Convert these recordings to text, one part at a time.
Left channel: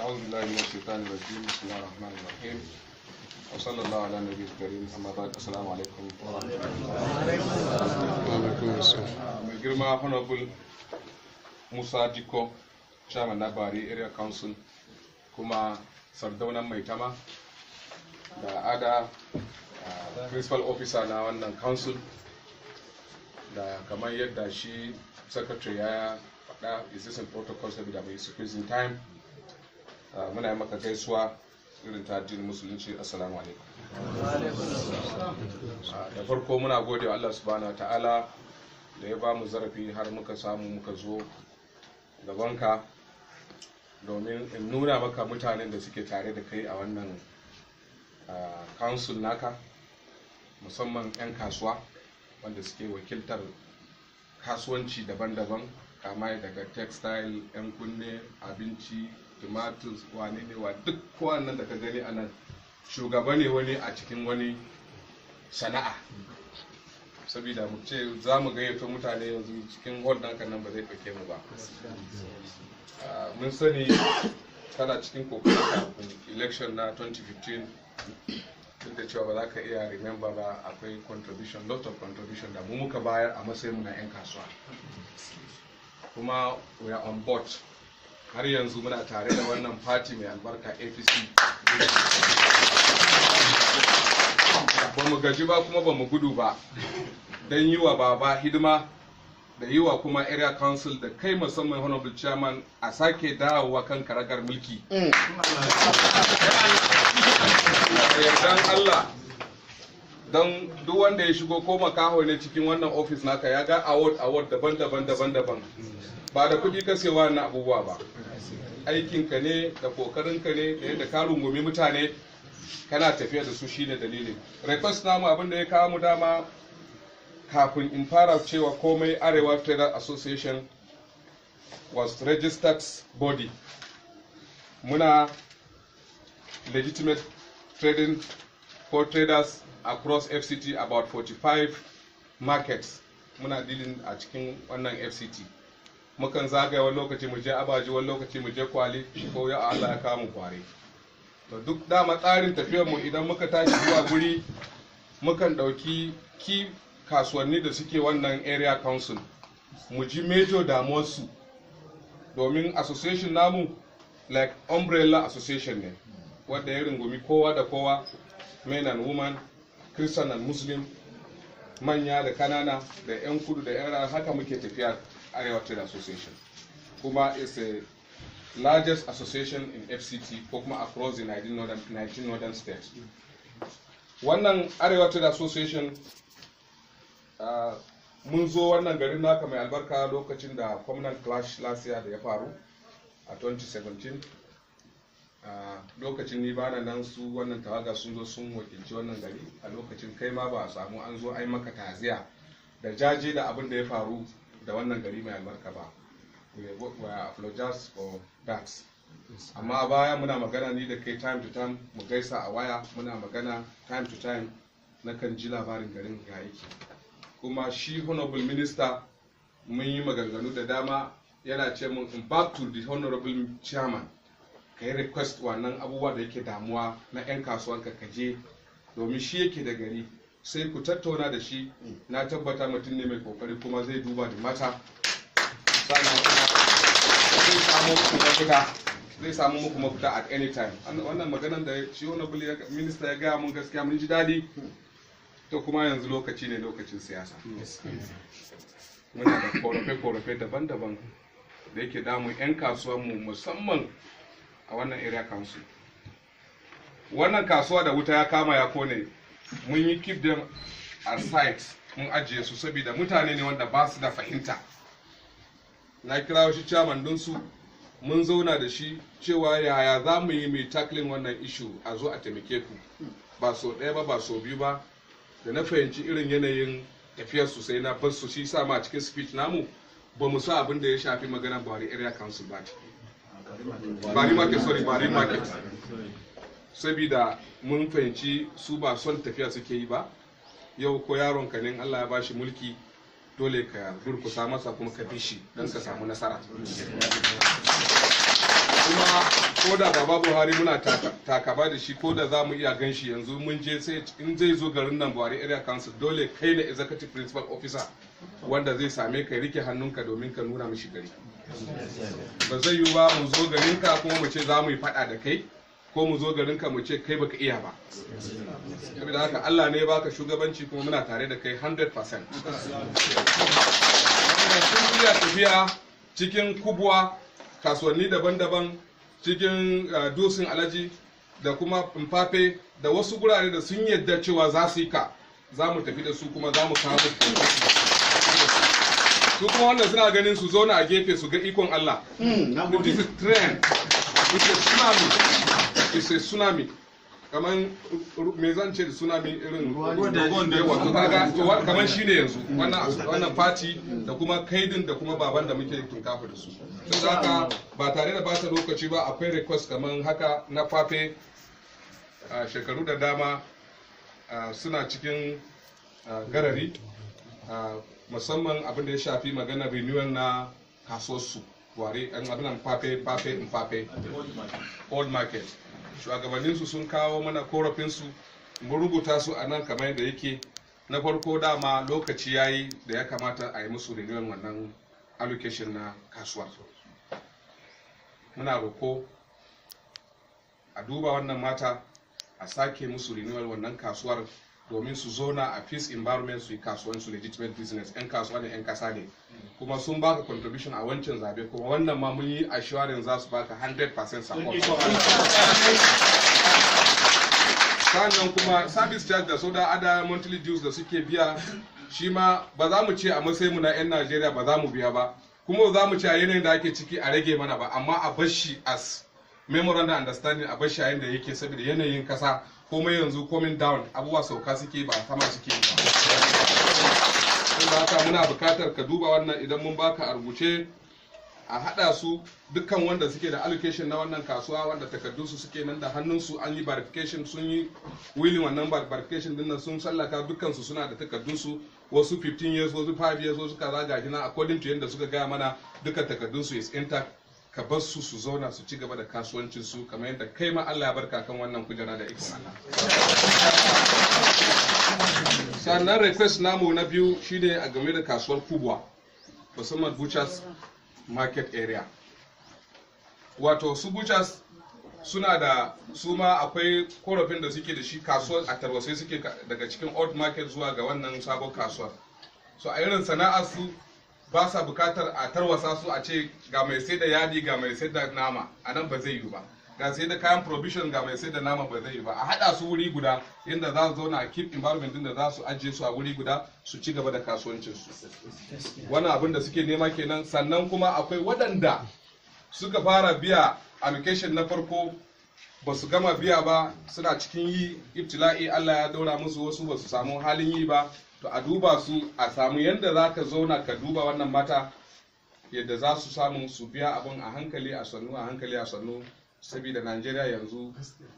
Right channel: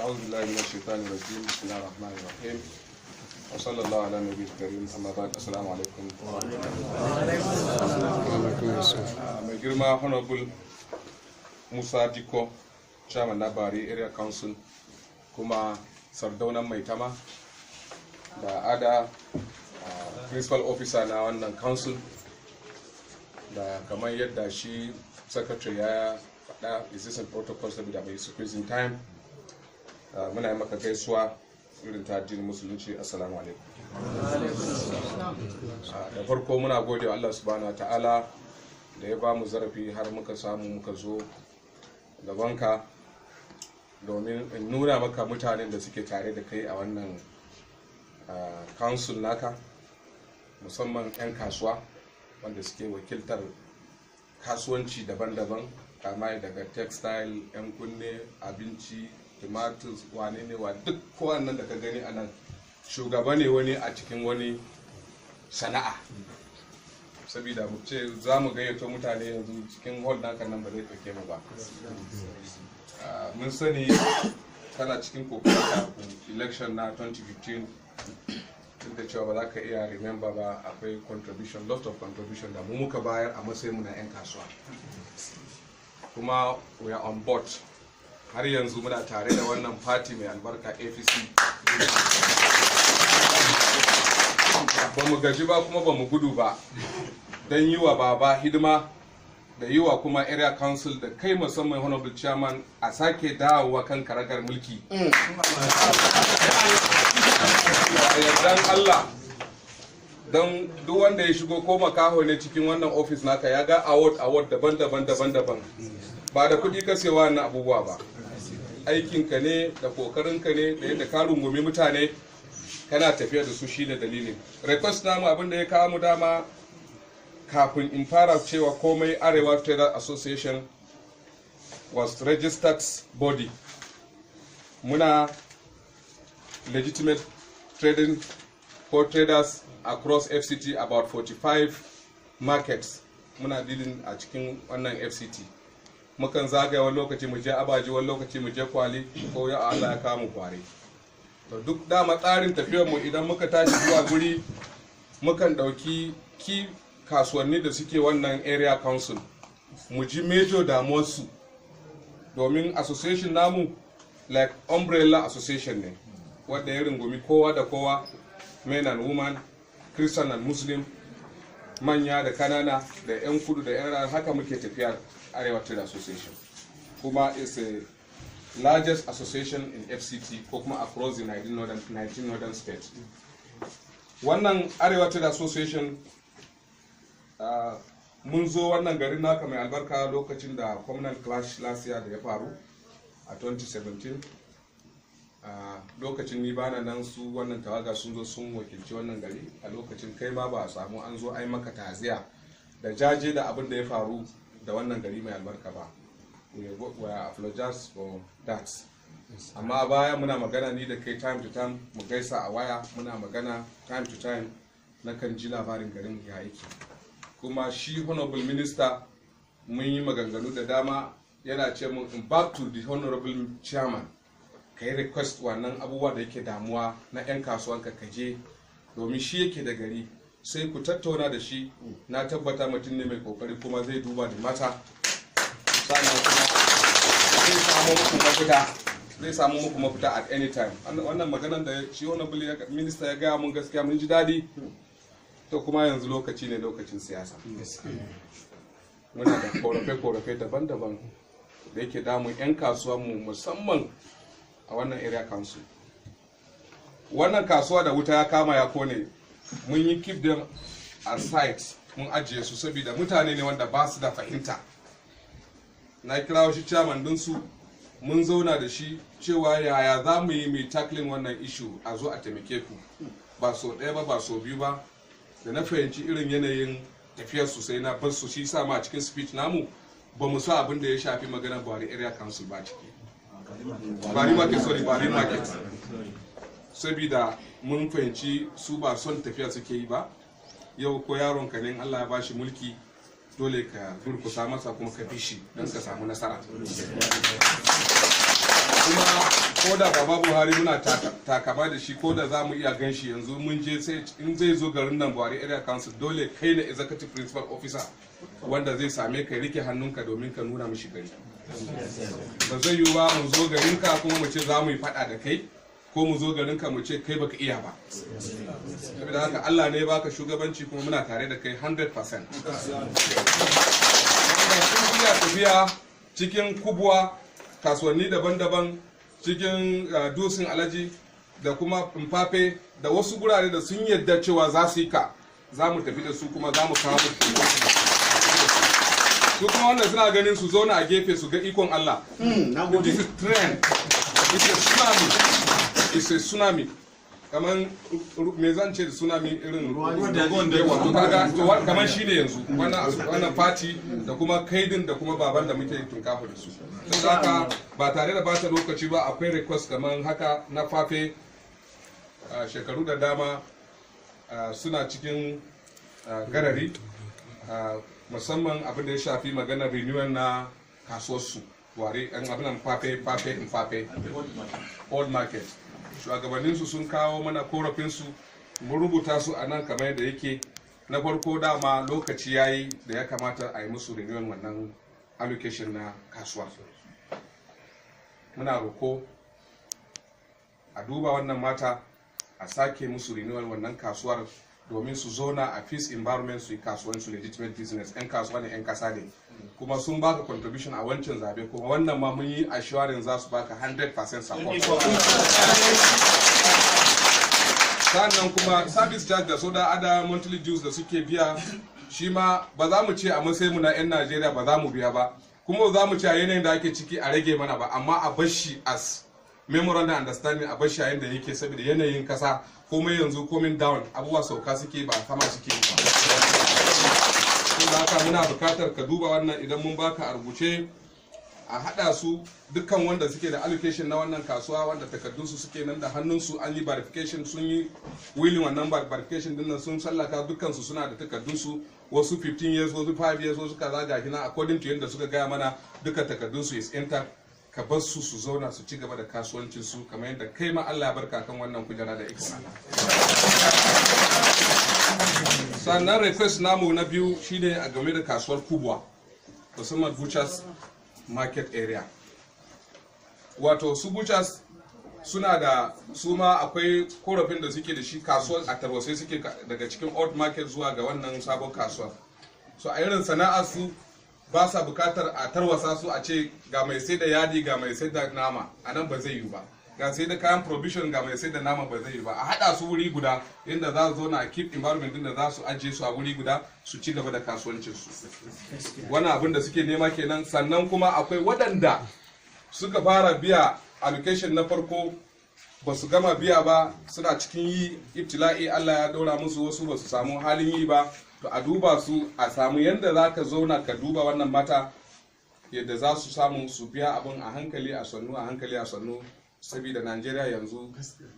أعوذ بالله من الشيطان الرجيم بسم الله الرحمن الرحيم وصلى الله على النبي الكريم أما بعد السلام عليكم mai girma honorable Musa Diko chairman na Bari area council kuma sardaunan Maitama da ada principal officer na wannan council da kamar yadda shi secretary ya faɗa existing protocols da bai squeezing time muna yi maka gaisuwa irin ta addinin musulunci. Assalamu alaikum. Da farko muna gode wa Allah subhanahu ta'ala da ya ba mu zarafi har muka samu muka zo gabanka domin in nuna maka mutanen da suke tare da kai a wannan council naka, musamman 'yan kasuwa wanda suke wakiltar kasuwanci daban-daban kama daga textile, 'yan kunne, abinci, tomatoes, wane ne wa duk kowannan da ka gani a nan shugaba ne wani a cikin wani sana'a. Saboda mu ce za mu gayyato mutane yanzu cikin hall naka nan ba zai ɗauke mu ba. Mun sani kana cikin kokarin kafin election na 2015 duk da cewa ba za ka iya remember ba, akwai contribution, lot of contribution da mu muka bayar a matsayin mu na 'yan kasuwa, kuma we are on board. Har yanzu muna tare da wannan party mai albarka APC. Ba mu gaji ba kuma ba mu gudu ba don yi wa baba hidima da yi wa kuma area council da kai musamman honorable chairman a sake dawowa kan karagar mulki. Dan Allah, don duk wanda ya shigo ko makaho ne cikin wannan office naka ya ga award daban-daban ba da kuɗi kasewa na abubuwa ba. Aikinka ne da kokarinka ne da yadda ka rungumi mutane kana tafiya da su shine dalilin. Request namu abin da ya kawo mu dama kafin in fara cewa komai Arewa Traders Association was registered body. Muna legitimate trading for traders across FCT, about 45 markets muna dealing a cikin wannan FCT. Mukan zagaya wani lokaci mu je Abaji, wani lokaci mu je Kwali, ko ya Allah ya kawo mu Kwari. To duk dama tsarin tafiyar mu idan muka tashi zuwa guri mukan dauki ki kasuwanni da suke wannan area council mu ji major damuwarsu, domin association namu like umbrella association ne wanda ya rungumi kowa da kowa, men and women, Christian and Muslim, manya da kanana da 'yan kudu da 'yan haka muke tafiya Arewa Trade Association, kuma is a largest association in FCT ko kuma across the 19 northern states. Wannan Arewa Trade Association mun zo wannan garin naka mai albarka lokacin da communal clash last year da ya faru a 2017. Lokacin ni bana nan, su wannan tawaga sun zo sun wakilci wannan gari a lokacin, kai ma ba a samu an zo ai maka taziya da jaje da abin da ya faru da wannan gari mai albarka ba. We apologize for that. Amma baya muna magana ni da kai time to time, mu gaisa a waya, muna magana time to time, na kan ji labarin garin ya yake. Kuma shi honorable minister mun yi maganganu da dama, yana ce mun in back to the honorable chairman ka yi request wannan abubuwa da yake damuwa na 'yan kasuwanka ka je, domin shi yake da gari, sai ku tattauna da shi. Na tabbata mutum ne mai kokari kuma zai duba da mata, sannan kuma zai samu muku mafita at any time. Wannan maganan da shi honorable minister ya gaya mun gaskiya mun ji daɗi. To kuma yanzu lokaci ne lokacin siyasa, muna da korafe-korafe daban-daban da yake damun 'yan kasuwanmu musamman a wannan area council. Wannan kasuwa da wuta ya kama ya kone, mun yi keep them aside, mun ajiye su saboda mutane ne wanda ba su da fahimta. Na kira shi chairman dinsu, mun zauna da shi cewa yaya za mu yi mai tackling wannan issue, a zo a taimake ku, ba so ɗaya ba ba so biyu ba. Da na fahimci irin yanayin tafiyar su sai na bar su, shi sa ma cikin speech namu ba mu sa abin da ya shafi magana Bari area council ba ciki. Bari market. Saboda mun fahimci su ba son tafiya suke yi ba. Yau ko yaron ka ne Allah ya bashi mulki, dole ka durkusa masa kuma ka bi shi don ka samu nasara. kuma ko da baba Buhari muna takaba da shi, ko da za mu iya gan shi yanzu mun je, sai in zai zo garin nan Buhari Area Council dole kai ne executive principal officer wanda zai same ka rike hannunka domin ka nuna mishi gari. Ba zai yiwu ba mu zo garinka kuma mu ce za mu yi faɗa da kai, ko mu zo garinka mu ce kai baka iya ba. Saboda haka Allah ne baka shugabanci kuma muna tare da kai 100%. Sun iya tafiya cikin kubuwa, kasuwanni daban-daban, cikin dusin alaji da kuma mfafe da wasu gurare da sun yadda cewa za su yi ka, za mu tafi da su kuma za mu kawo su kuma wanda suna ganin su zauna a gefe su ga ikon Allah. This is trend. It's a tsunami. Kamar me zan ce da tsunami irin ruwan da yawa, kamar shi ne yanzu wannan fati da kuma kaidin da kuma baban da muke tunkafa da su. Don haka ba tare da bata lokaci ba, akwai request kamar haka na fafe. Shekaru da dama suna cikin garari, musamman abin da ya shafi magana renewal na kasuwarsu ware yan abin fafe old market. Shugabanninsu sun kawo mana korafinsu, mun rubuta su a nan kamar yadda yake. Na farko dama lokaci yayi da ya kamata a yi musu renewal wannan allocation na kasuwa. Muna roko a duba wannan mata, a sake musu renewal wannan kasuwar domin su zona a peace environment, su yi kasuwansu legitimate business. 'Yan kasuwa ne 'yan kasa ne, kuma sun baka contribution a wancan zabe, kuma wannan ma mun yi assurance za su baka 100% support. Sannan kuma service charge da soda ada monthly dues da suke biya, shi ma ba za mu ce a matsayin mu na 'yan Najeriya ba za mu biya ba, kuma za mu ce a yanayin da ake ciki a rage mana ba, amma a bashi as memorandum understanding, a bashi a yanda yake, saboda yanayin kasa komai yanzu coming down, abubuwa sauka suke ba sama suke ba. Saboda haka muna bukatar ka duba wannan, idan mun baka a rubuce a hada su dukkan wanda suke da allocation na wannan kasuwa, wanda takardunsu suke nan da hannunsu, an yi verification, sun yi willing wannan verification din nan, sun sallaka dukkansu suna da takardunsu, wasu 15 years, wasu 5 years, wasu kaza ga kina according to yadda suka gaya mana, dukkan takardunsu is intact. Ka bar su su zauna su ci gaba da kasuwancin su kamar yadda kai ma Allah ya barka kan wannan kujera da ikon Allah. Sannan request namu na biyu shine a game da kasuwar kubwa, musamman butchers market area. Wato su butchers suna da, su ma akwai korafin da suke da shi, kasuwar a tarwasai suke daga cikin old market zuwa ga wannan sabon kasuwar. So a irin sana'ar su ba sa bukatar a tarwasa su, a ce ga mai sai da yadi ga mai sai da nama, a nan ba zai yi ba. Ga sai da kayan provision ga mai sai da nama, ba zai yi ba. A hada su wuri guda inda za su zo na keep environment din da za su ajiye su a wuri guda su ci gaba da kasuwancin su. Wannan abin da suke nema kenan. Sannan kuma akwai waɗanda suka fara biya allocation na farko ba su gama biya ba, suna cikin yi ibtila'i, Allah ya daura musu, wasu ba su samu halin yi ba. To a duba su, a samu yadda za ka zauna ka duba wannan mata, yadda za su samu su biya abin a hankali a sannu, a hankali a sannu, saboda Najeriya yanzu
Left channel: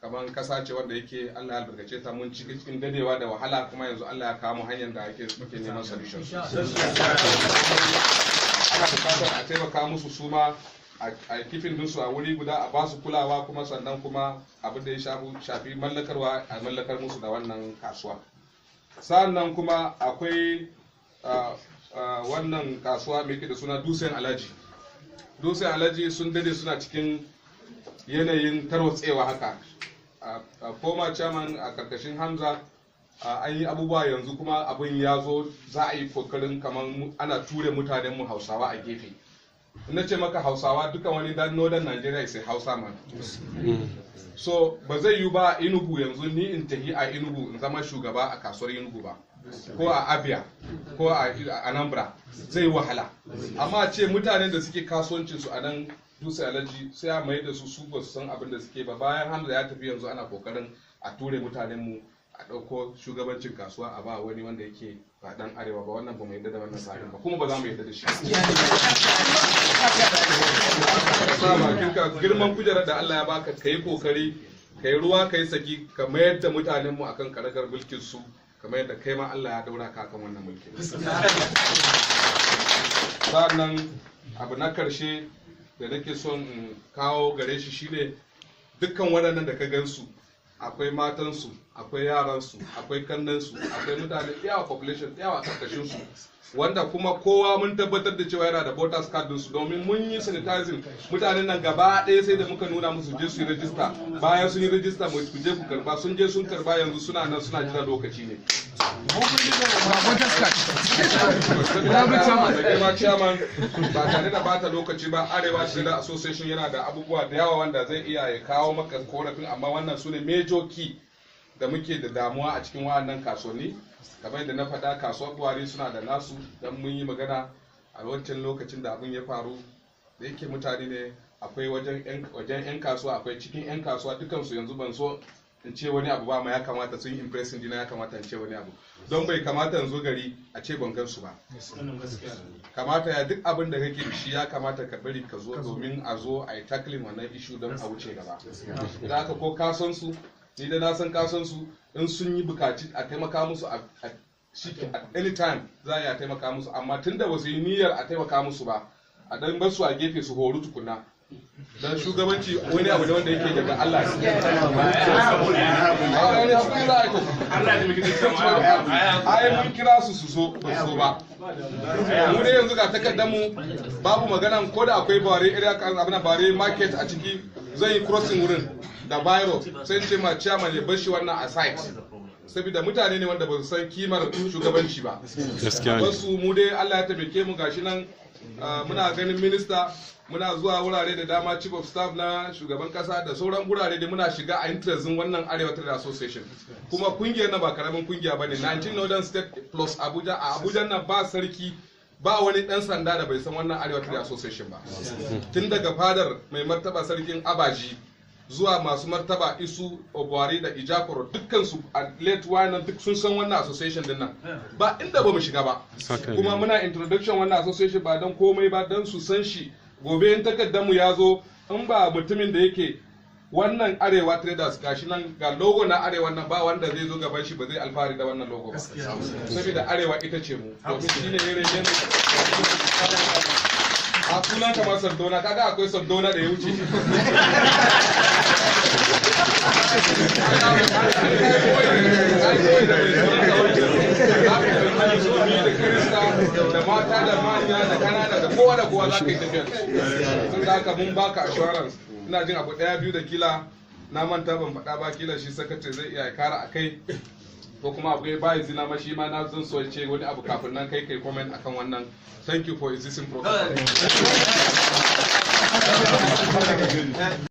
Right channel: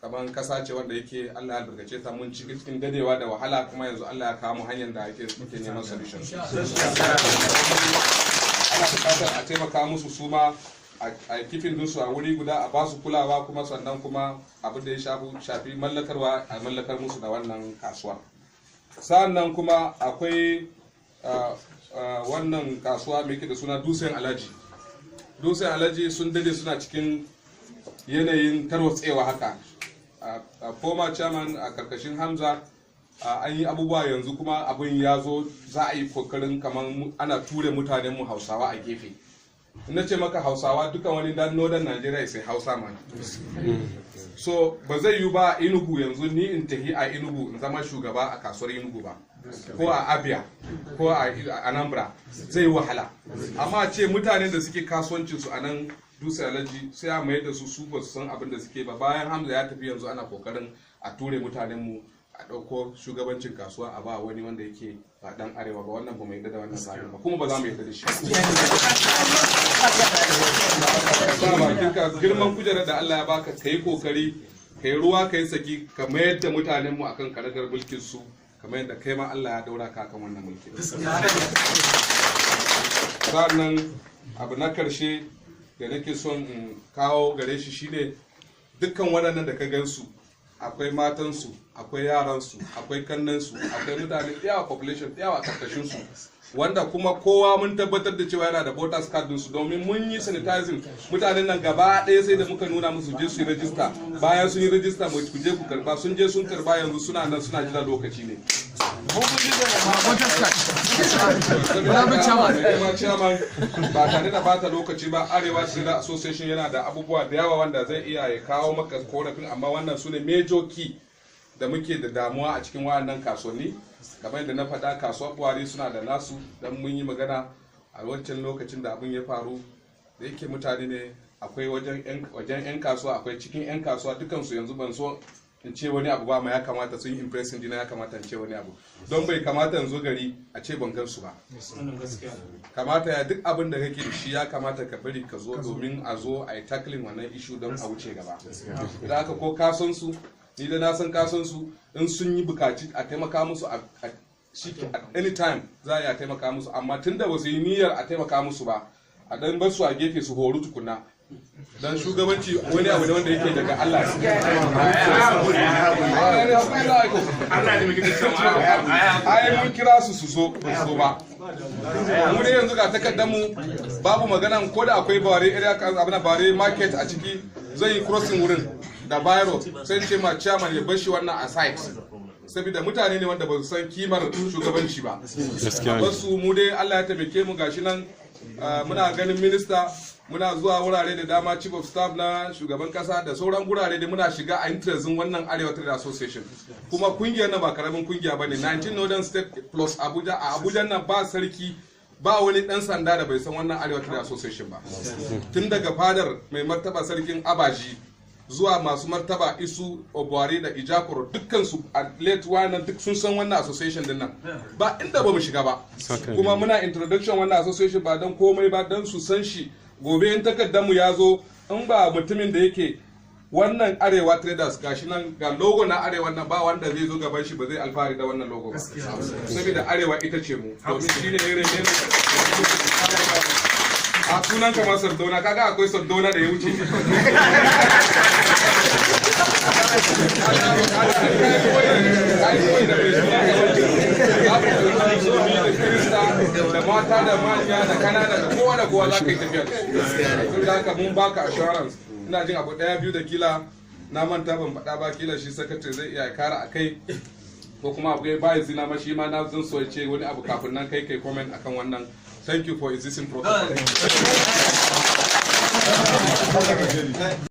kamar kasa ce wanda yake Allah ya albarkace ta, mun cikin dadewa da wahala, kuma yanzu Allah ya kawo hanyar da muke neman solution. Ana bukatar a taimaka musu su ma, a kifin dinsu a wuri guda, a ba su kulawa, kuma sannan kuma abin da ya shafi mallakarwa a mallakar musu da wannan kasuwa. Sannan kuma akwai wannan kasuwa mai da suna Dusen Alaji. Dusen Alaji sun dade suna cikin yanayin tarwatsewa haka. Former chairman a karkashin Hamza an yi abubuwa, yanzu kuma abin ya zo, za a yi kokarin kamar ana ture mutanenmu Hausawa a gefe. Na ce maka Hausawa, duka wani dan northern Nigeria sai Hausa man. So ba zai yi ba Enugu yanzu ni in tahi a Enugu in zama shugaba a kasuwar Enugu ba, ko a Abia ko a Anambra, zai yi wahala. Amma ce mutanen da suke kasuwancin su a nan Dutse Alaji sai a mai da su ba su san abin da suke ba. Bayan Hamza ya tafi yanzu ana kokarin a ture mutanen mu, a ɗauko shugabancin kasuwa a ba wani wanda yake ba dan arewa ba. Wannan ba mu yadda da wannan tsarin ba, kuma ba za mu yadda da shi. Girman kujerar da Allah ya baka, ka yi kokari, ka yi ruwa, ka yi saki, ka mayar da mutanenmu akan karagar mulkin su, kamar yadda kai ma Allah ya daura ka kan wannan mulkin. Sannan abu na karshe da nake son in kawo gare shi shine dukkan waɗannan da ka gansu akwai matansu, akwai yaransu, akwai kannansu, akwai mutane yawa population yawa karkashin su, wanda kuma kowa mun tabbatar da cewa yana da voters card su, domin mun yi sanitizing mutanen nan gaba ɗaya sai da muka nuna musu je su yi rajista. Bayan sun yi rajista mu ku je ku karba, sun je sun karba, yanzu suna nan suna jira lokaci ne. Chairman ba tare da bata lokaci ba, Arewa Trader Association yana da abubuwa da yawa wanda zai iya ya kawo maka korafin, amma wannan su ne major key da muke da damuwa a cikin wayannan kasuwanni. Kamar da na faɗa, kasuwar Buhari suna da nasu, don mun yi magana a wancan lokacin da abin ya faru, da yake mutane ne akwai wajen 'yan kasuwa, akwai cikin 'yan kasuwa, dukansu yanzu ban so in ce wani abu ba, ma ya kamata sun yi impressing jina, ya kamata in ce wani abu, don bai kamata in zo gari a ce ban gansu ba. Kamata ya duk abin da kake shi ya kamata ka bari ka zo, domin a zo a yi tackling wannan issue don a wuce gaba. Idan aka ko kasan su, ni da na san kasan su, in sun yi bukaci a taimaka musu at any time za a taimaka musu, amma tunda ba su yi niyyar a taimaka musu ba, a dan bar su a gefe su horu tukuna. Dan shugabanci wani abu da wanda yake daga Allah ai mun kira su so ba mu dai yanzu ga takardar mu babu magana, ko da akwai bare area abin bare market a ciki, zan yi crossing wurin da bayro, sai ce ma chairman ya bar shi wannan a site, saboda mutane ne wanda ba su san kimar shugabanci ba. Wasu mu dai Allah ya taimake mu, gashi nan muna ganin minista, muna zuwa wurare da dama, chief of staff na shugaban kasa da sauran gurare da muna shiga a interestin wannan Arewa Trade Association. Kuma kungiyar nan ba karamin kungiya bane, 19 Northern State plus Abuja. A Abuja nan ba sarki, ba wani dan sanda da bai san wannan Arewa Trade Association ba. Tun daga fadar mai martaba sarkin Abaji zuwa masu martaba Isu, Obuari da Ijakoro, dukkan su a late wannan duk sun san wannan association din nan. Ba inda ba mu shiga ba. Kuma muna introduction wannan association ba don komai ba, don su san shi. Gobe in takardar ya zo, in ba mutumin da yake wannan Arewa Traders gashi nan ga logo na Arewa nan, ba wanda zai zo gaban shi ba zai alfahari da wannan logo ba, saboda Arewa ita ce mu, domin shine ne a sunan kamar Sardauna, kaga akwai Sardauna da ya wuce da mata da manya da kanada da kowa za ka yi tafiya tun da haka mun baka assurance. Ina jin abu daya biyu da kila na manta ban faɗa ba, kila shi sakatare zai iya kara a kai, ko kuma abu ya bayi zina ma shi ma na zan so ce wani abu kafin nan kai comment akan wannan. Thank you for existing protocol.